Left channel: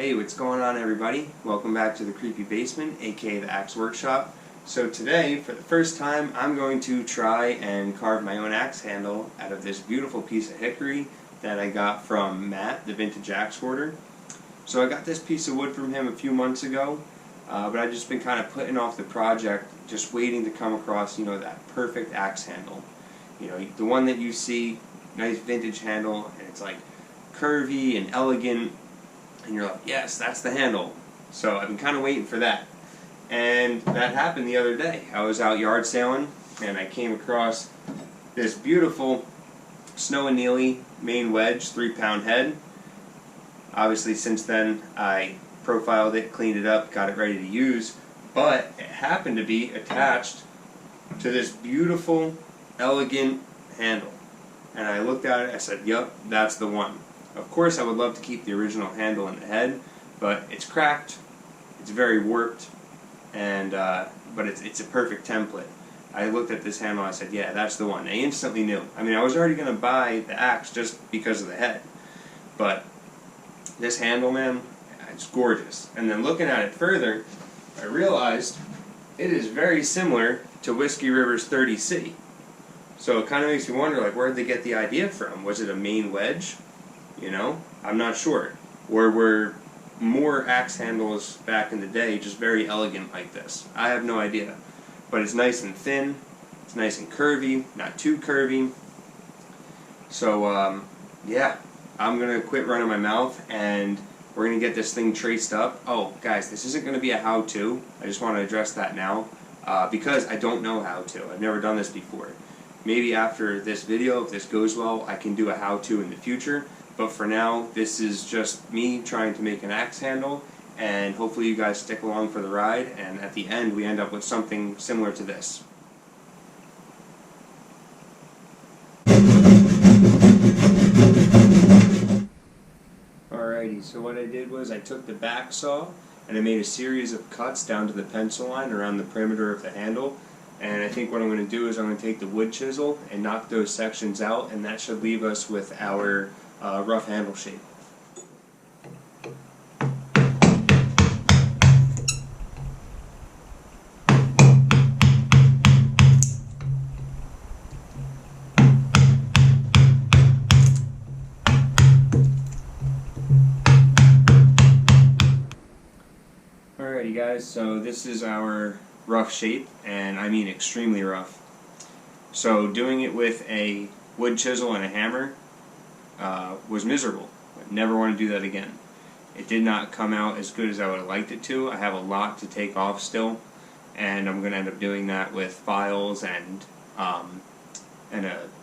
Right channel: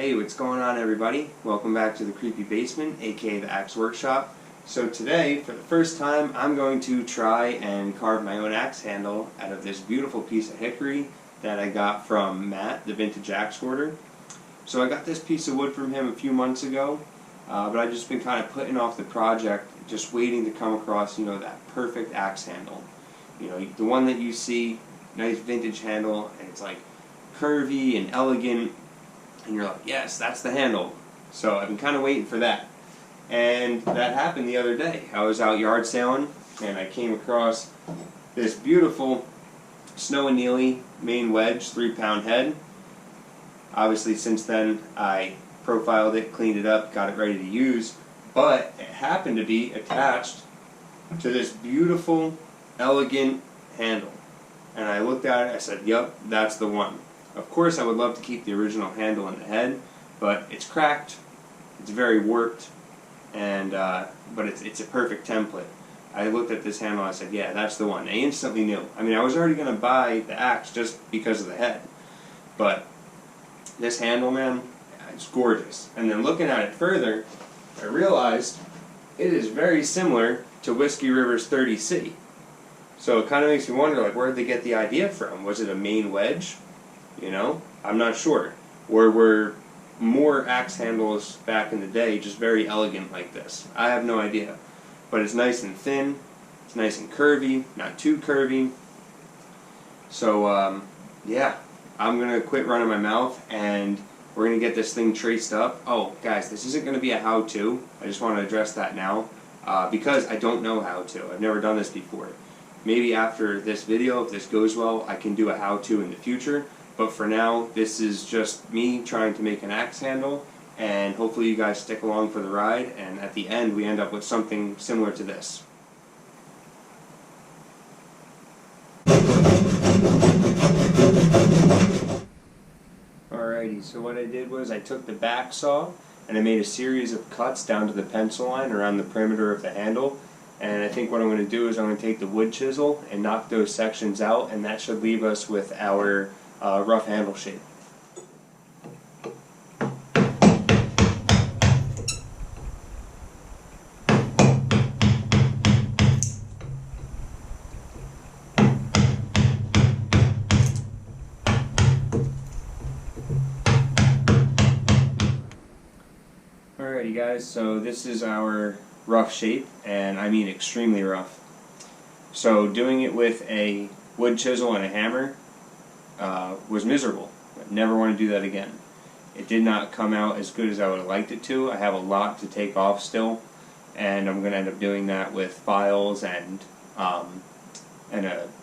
Hey, what's going on, everybody? Welcome back to the Creepy Basement, aka the Axe Workshop. So today, for the first time, I'm going to try and carve my own axe handle out of this beautiful piece of hickory that I got from Matt, the vintage axe hoarder. So I got this piece of wood from him a few months ago, but I've just been kind of putting off the project, just waiting to come across, that perfect axe handle. The one that you see, nice vintage handle, and it's like curvy and elegant. And you're like, yes, that's the handle. So I've been kind of waiting for that. And that happened the other day. I was out yard sailing, and I came across this beautiful Snow and Nealley Maine wedge, 3-pound head. Obviously, since then, I profiled it, cleaned it up, got it ready to use. But it happened to be attached to this beautiful, elegant handle. And I looked at it, I said, yep, that's the one. Of course, I would love to keep the original handle in the head, but it's cracked, it's very warped, and but it's a perfect template. I looked at this handle, I said, yeah, that's the one. I instantly knew. I mean, I was already going to buy the axe just because of the head, but this handle, man, it's gorgeous. And then looking at it further, I realized it is very similar to Whiskey River's 30C. So it kind of makes me wonder, like, where did they get the idea from? Was it a Maine wedge? I'm not sure. Or were more axe handles back in the day just very elegant like this? I have no idea. But it's nice and thin, it's nice and curvy, not too curvy. So, yeah, I'm going to quit running my mouth and we're going to get this thing traced up. Oh, guys, this isn't going to be a how-to. I just want to address that now because I don't know how to. I've never done this before. Maybe after this video, if this goes well, I can do a how-to in the future. But for now, this is just me trying to make an axe handle, and hopefully you guys stick along for the ride, and at the end we end up with something similar to this. Alrighty, so what I did was I took the back saw and I made a series of cuts down to the pencil line around the perimeter of the handle. And I think what I'm going to do is I'm going to take the wood chisel and knock those sections out, and that should leave us with our rough handle shape. Alrighty guys, so this is our rough shape, and I mean extremely rough. So doing it with a wood chisel and a hammer was miserable. I never want to do that again. It did not come out as good as I would have liked it to. I have a lot to take off still, and I'm going to end up doing that with files and a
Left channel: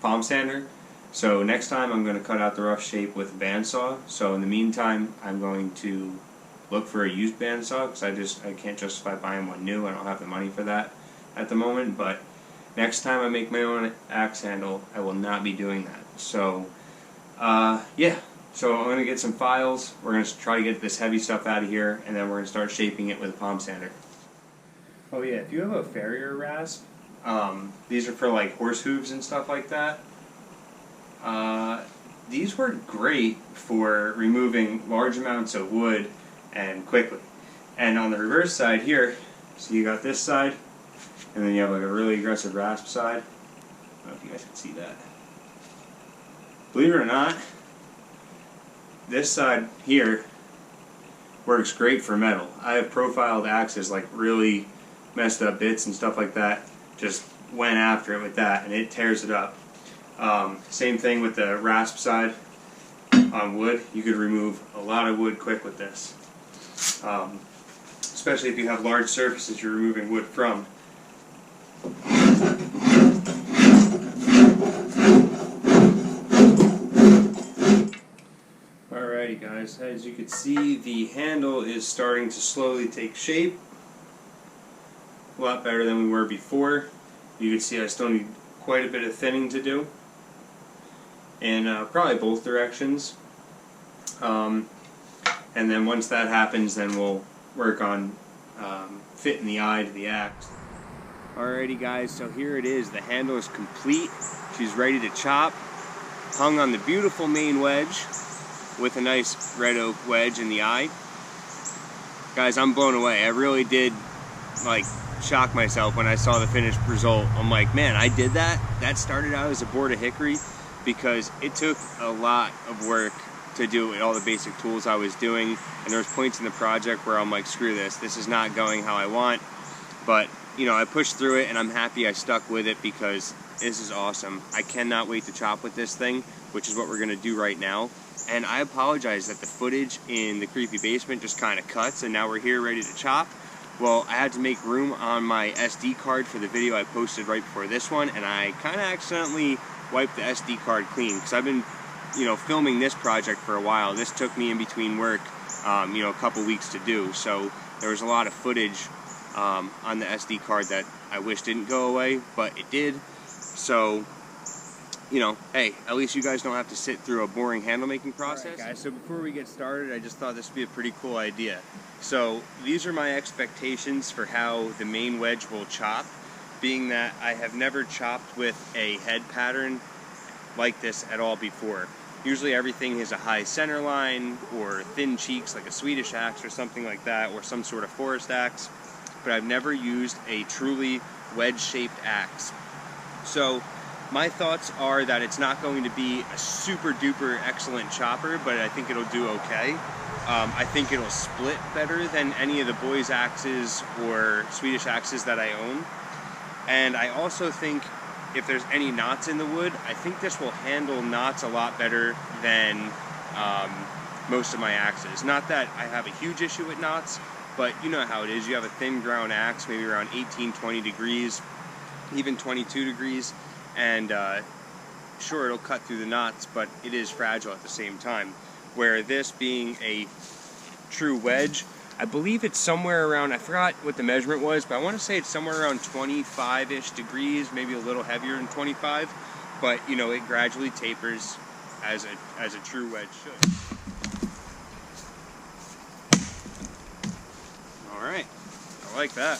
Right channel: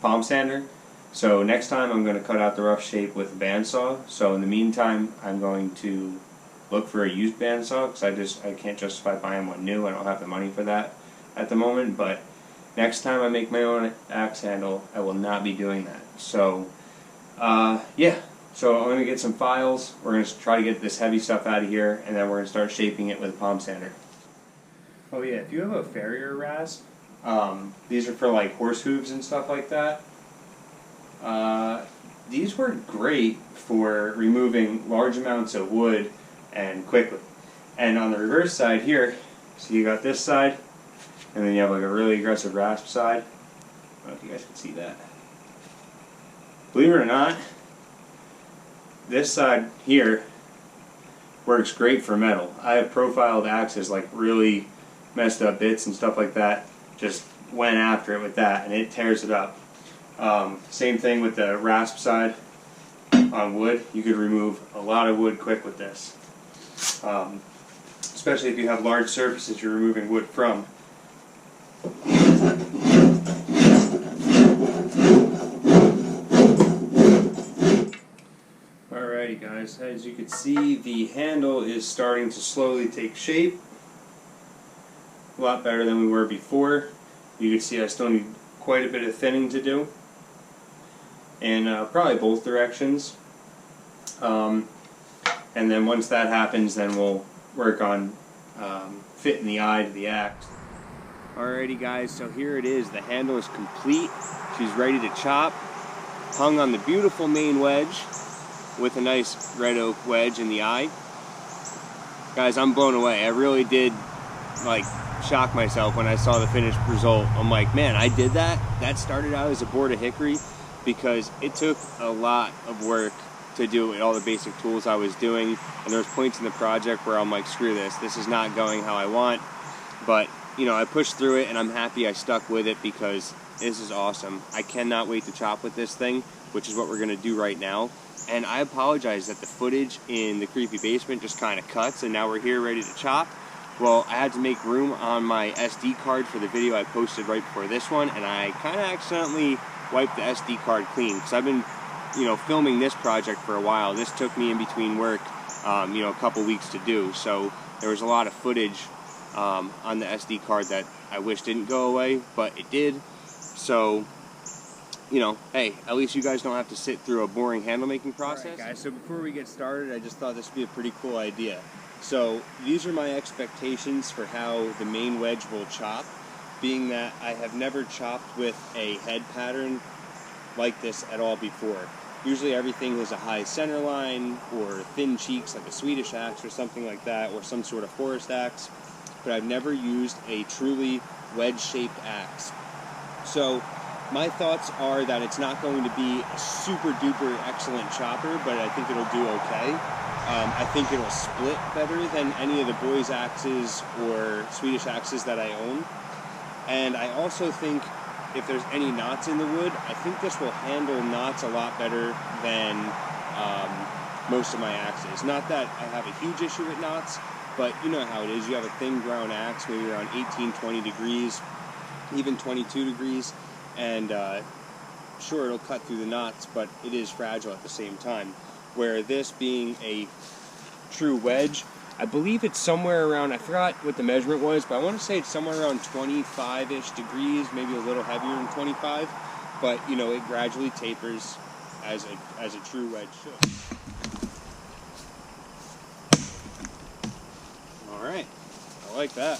palm sander. So next time I'm going to cut out the rough shape with a bandsaw. So in the meantime, I'm going to look for a used bandsaw because I can't justify buying one new. I don't have the money for that at the moment. But next time I make my own axe handle, I will not be doing that. So yeah, so I'm going to get some files, we're going to try to get this heavy stuff out of here, and then we're going to start shaping it with a palm sander. Oh yeah, if you have a farrier rasp, these are for like horse hooves and stuff like that, these work great for removing large amounts of wood and quickly. And on the reverse side here, so you got this side, and then you have like a really aggressive rasp side. I don't know if you guys can see that. Believe it or not, this side here works great for metal. I have profiled axes, like really messed up bits and stuff like that. Just went after it with that, and it tears it up. Same thing with the rasp side on wood. You could remove a lot of wood quick with this. Especially if you have large surfaces you're removing wood from. Alrighty guys, as you can see, the handle is starting to slowly take shape. A lot better than we were before. You can see I still need quite a bit of thinning to do. In probably both directions. And then once that happens, then we'll work on fitting the eye to the axe. Alrighty guys, so here it is. The handle is complete. She's ready to chop. Hung on the beautiful Maine wedge with a nice red oak wedge in the eye. Guys, I'm blown away. I really did like shock myself when I saw the finished result. I'm like, man, I did that? That started out as a board of hickory, because it took a lot of work to do with all the basic tools I was doing, and there was points in the project where I'm like, screw this is not going how I want. But you know, I pushed through it, and I'm happy I stuck with it because this is awesome. I cannot wait to chop with this thing, which is what we're gonna do right now. And I apologize that the footage in the creepy basement just kind of cuts, and now we're here ready to chop. Well, I had to make room on my SD card for the video I posted right before this one, and I kind of accidentally wiped the SD card clean, because I've been, you know, filming this project for a while. This took me in between work, you know, a couple weeks to do, so there was a lot of footage on the SD card that I wish didn't go away, but it did. So, you know, hey, at least you guys don't have to sit through a boring handle making process. All right, guys, so before we get started, I just thought this would be a pretty cool idea. So these are my expectations for how the Maine wedge will chop, being that I have never chopped with a head pattern like this at all before. Usually everything is a high center line or thin cheeks like a Swedish axe or something like that, or some sort of forest axe, but I've never used a truly wedge-shaped axe. So my thoughts are that it's not going to be a super duper excellent chopper, but I think it'll do okay. I think it'll split better than any of the boys' axes or Swedish axes that I own. And I also think if there's any knots in the wood, I think this will handle knots a lot better than most of my axes. Not that I have a huge issue with knots, but you know how it is. You have a thin ground axe, maybe around 18, 20 degrees, even 22 degrees, and sure, it'll cut through the knots, but it is fragile at the same time. Where this being a true wedge, I believe it's somewhere around, I forgot what the measurement was, but I want to say it's somewhere around 25-ish degrees, maybe a little heavier than 25, but you know, it gradually tapers as a true wedge should. All right, I like that.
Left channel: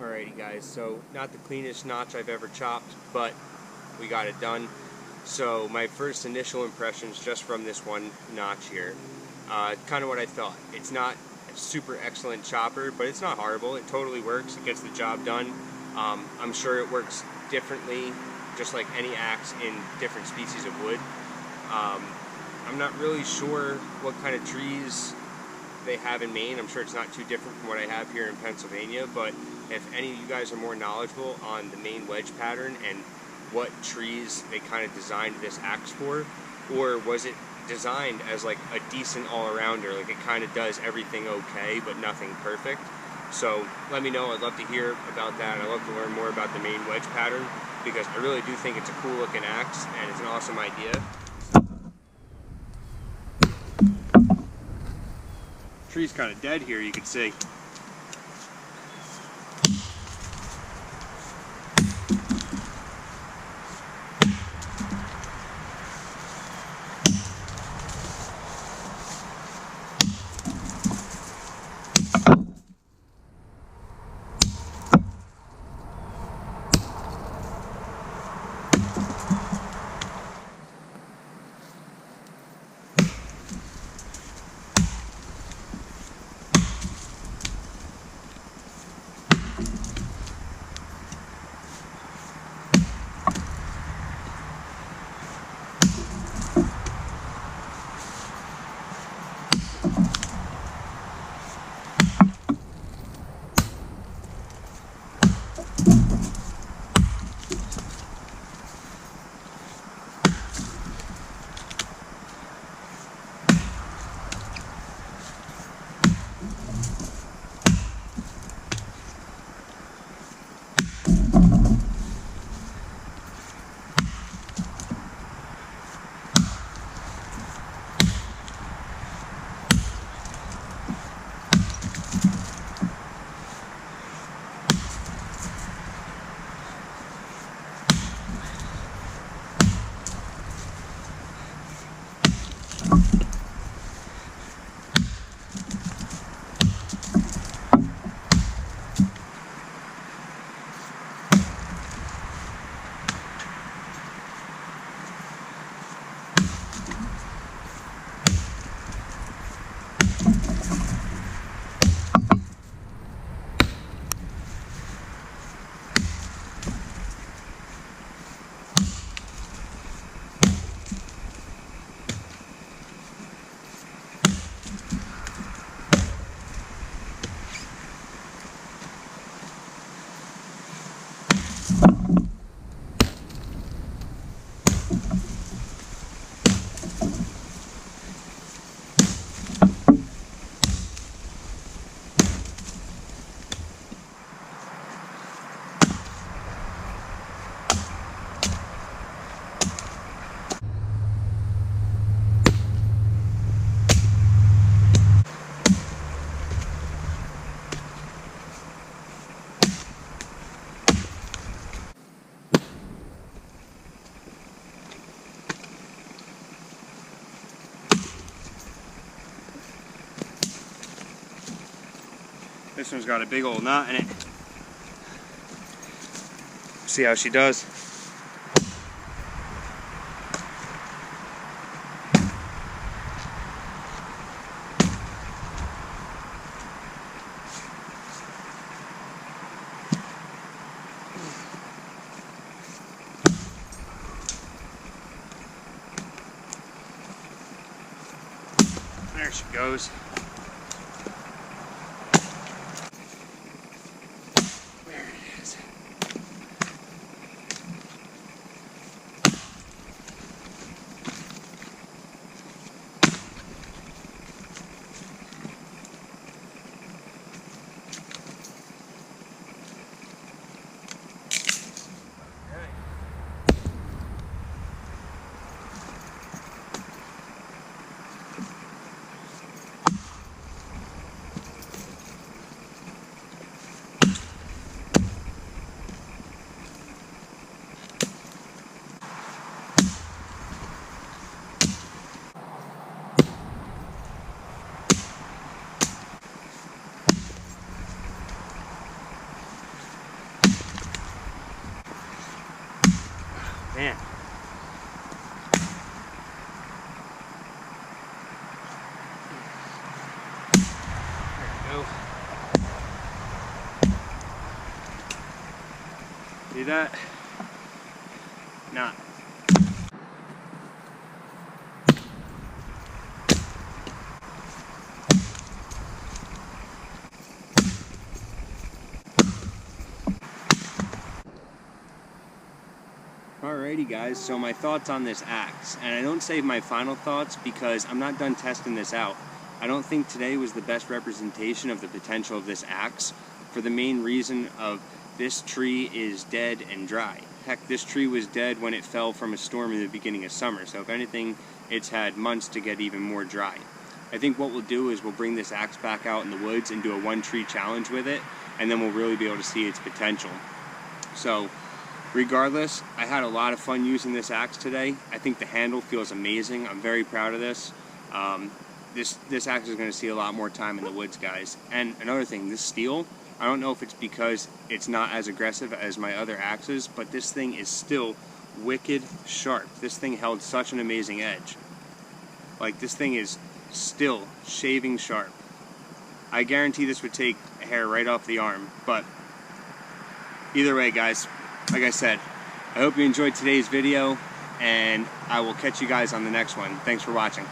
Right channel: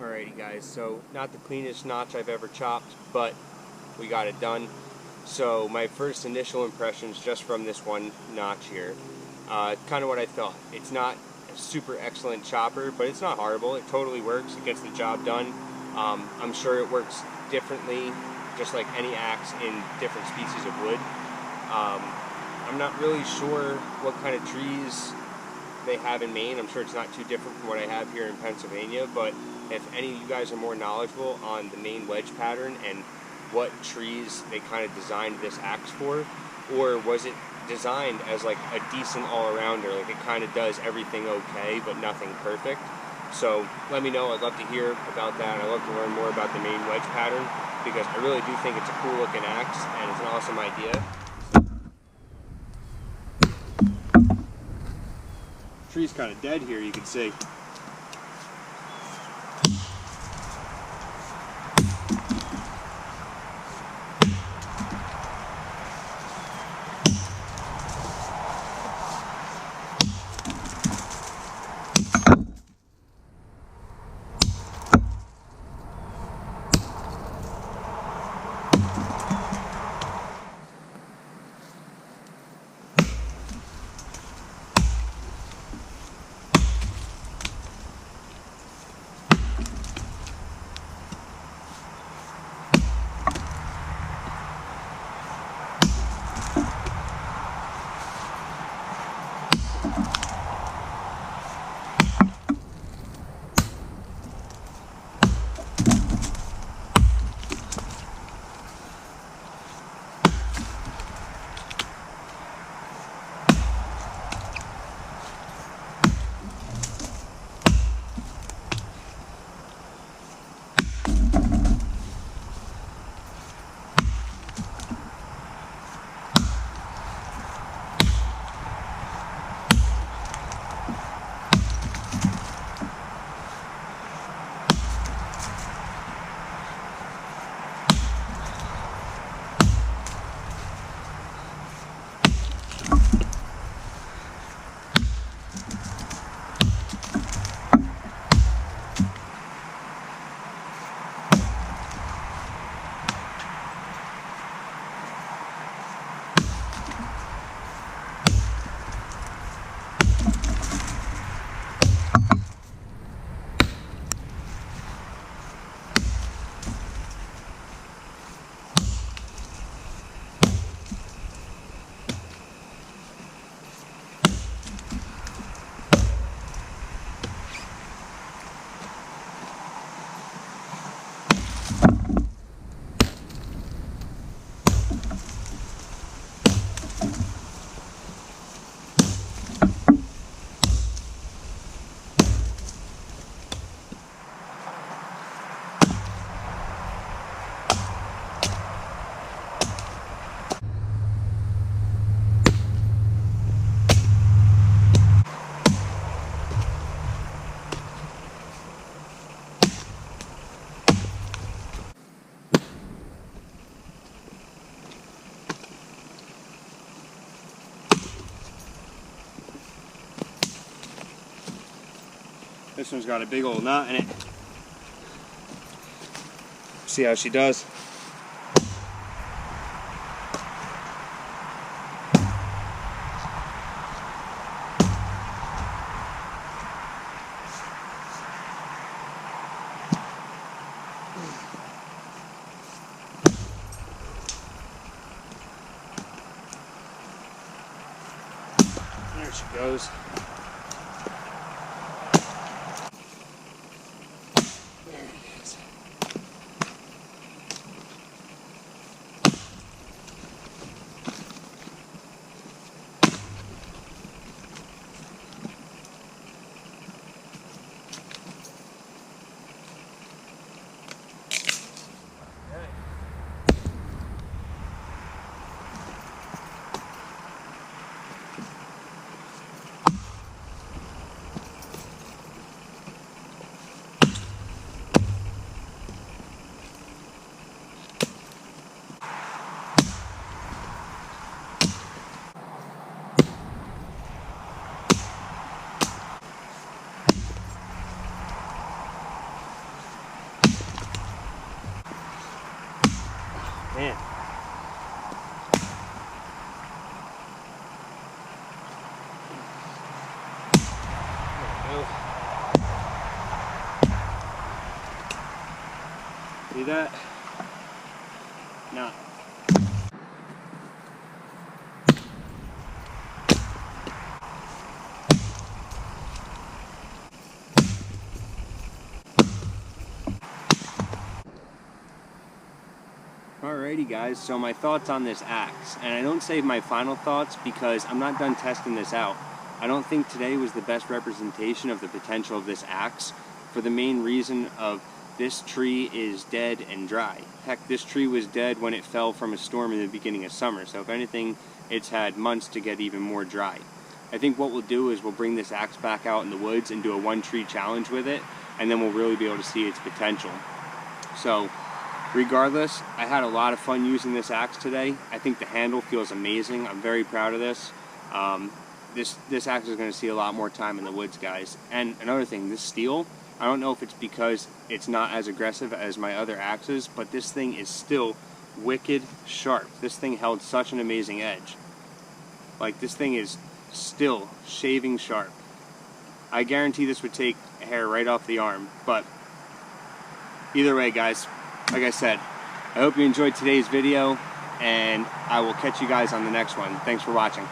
Alrighty guys, so not the cleanest notch I've ever chopped, but we got it done. So my first initial impressions just from this one notch here, kind of what I thought. It's not as super excellent chopper, but it's not horrible. It totally works. It gets the job done. I'm sure it works differently, just like any axe in different species of wood. I'm not really sure what kind of trees they have in Maine. I'm sure it's not too different from what I have here in Pennsylvania, but if any of you guys are more knowledgeable on the Maine wedge pattern and what trees they kind of designed this axe for, or was it designed as like a decent all-arounder, like it kind of does everything okay but nothing perfect. So let me know. I'd love to hear about that. I'd love to learn more about the Maine wedge pattern, because I really do think it's a cool looking axe and it's an awesome idea. Tree's kind of dead here, you can see. This one's got a big old knot in it. See how she does. There she goes. There it is. Man. There See that? Nah. Alrighty guys, so my thoughts on this axe, and I don't save my final thoughts because I'm not done testing this out. I don't think today was the best representation of the potential of this axe for the main reason of this tree is dead and dry. Heck, this tree was dead when it fell from a storm in the beginning of summer, so if anything, it's had months to get even more dry. I think what we'll do is we'll bring this axe back out in the woods and do a one tree challenge with it, and then we'll really be able to see its potential. So, regardless, I had a lot of fun using this axe today. I think the handle feels amazing. I'm very proud of this. This axe is going to see a lot more time in the woods, guys. And another thing, this steel, I don't know if it's because it's not as aggressive as my other axes, but this thing is still wicked sharp. This thing held such an amazing edge. Like, this thing is still shaving sharp. I guarantee this would take a hair right off the arm, but either way, guys, like I said, I hope you enjoyed today's video, and I will catch you guys on the next one. Thanks for watching.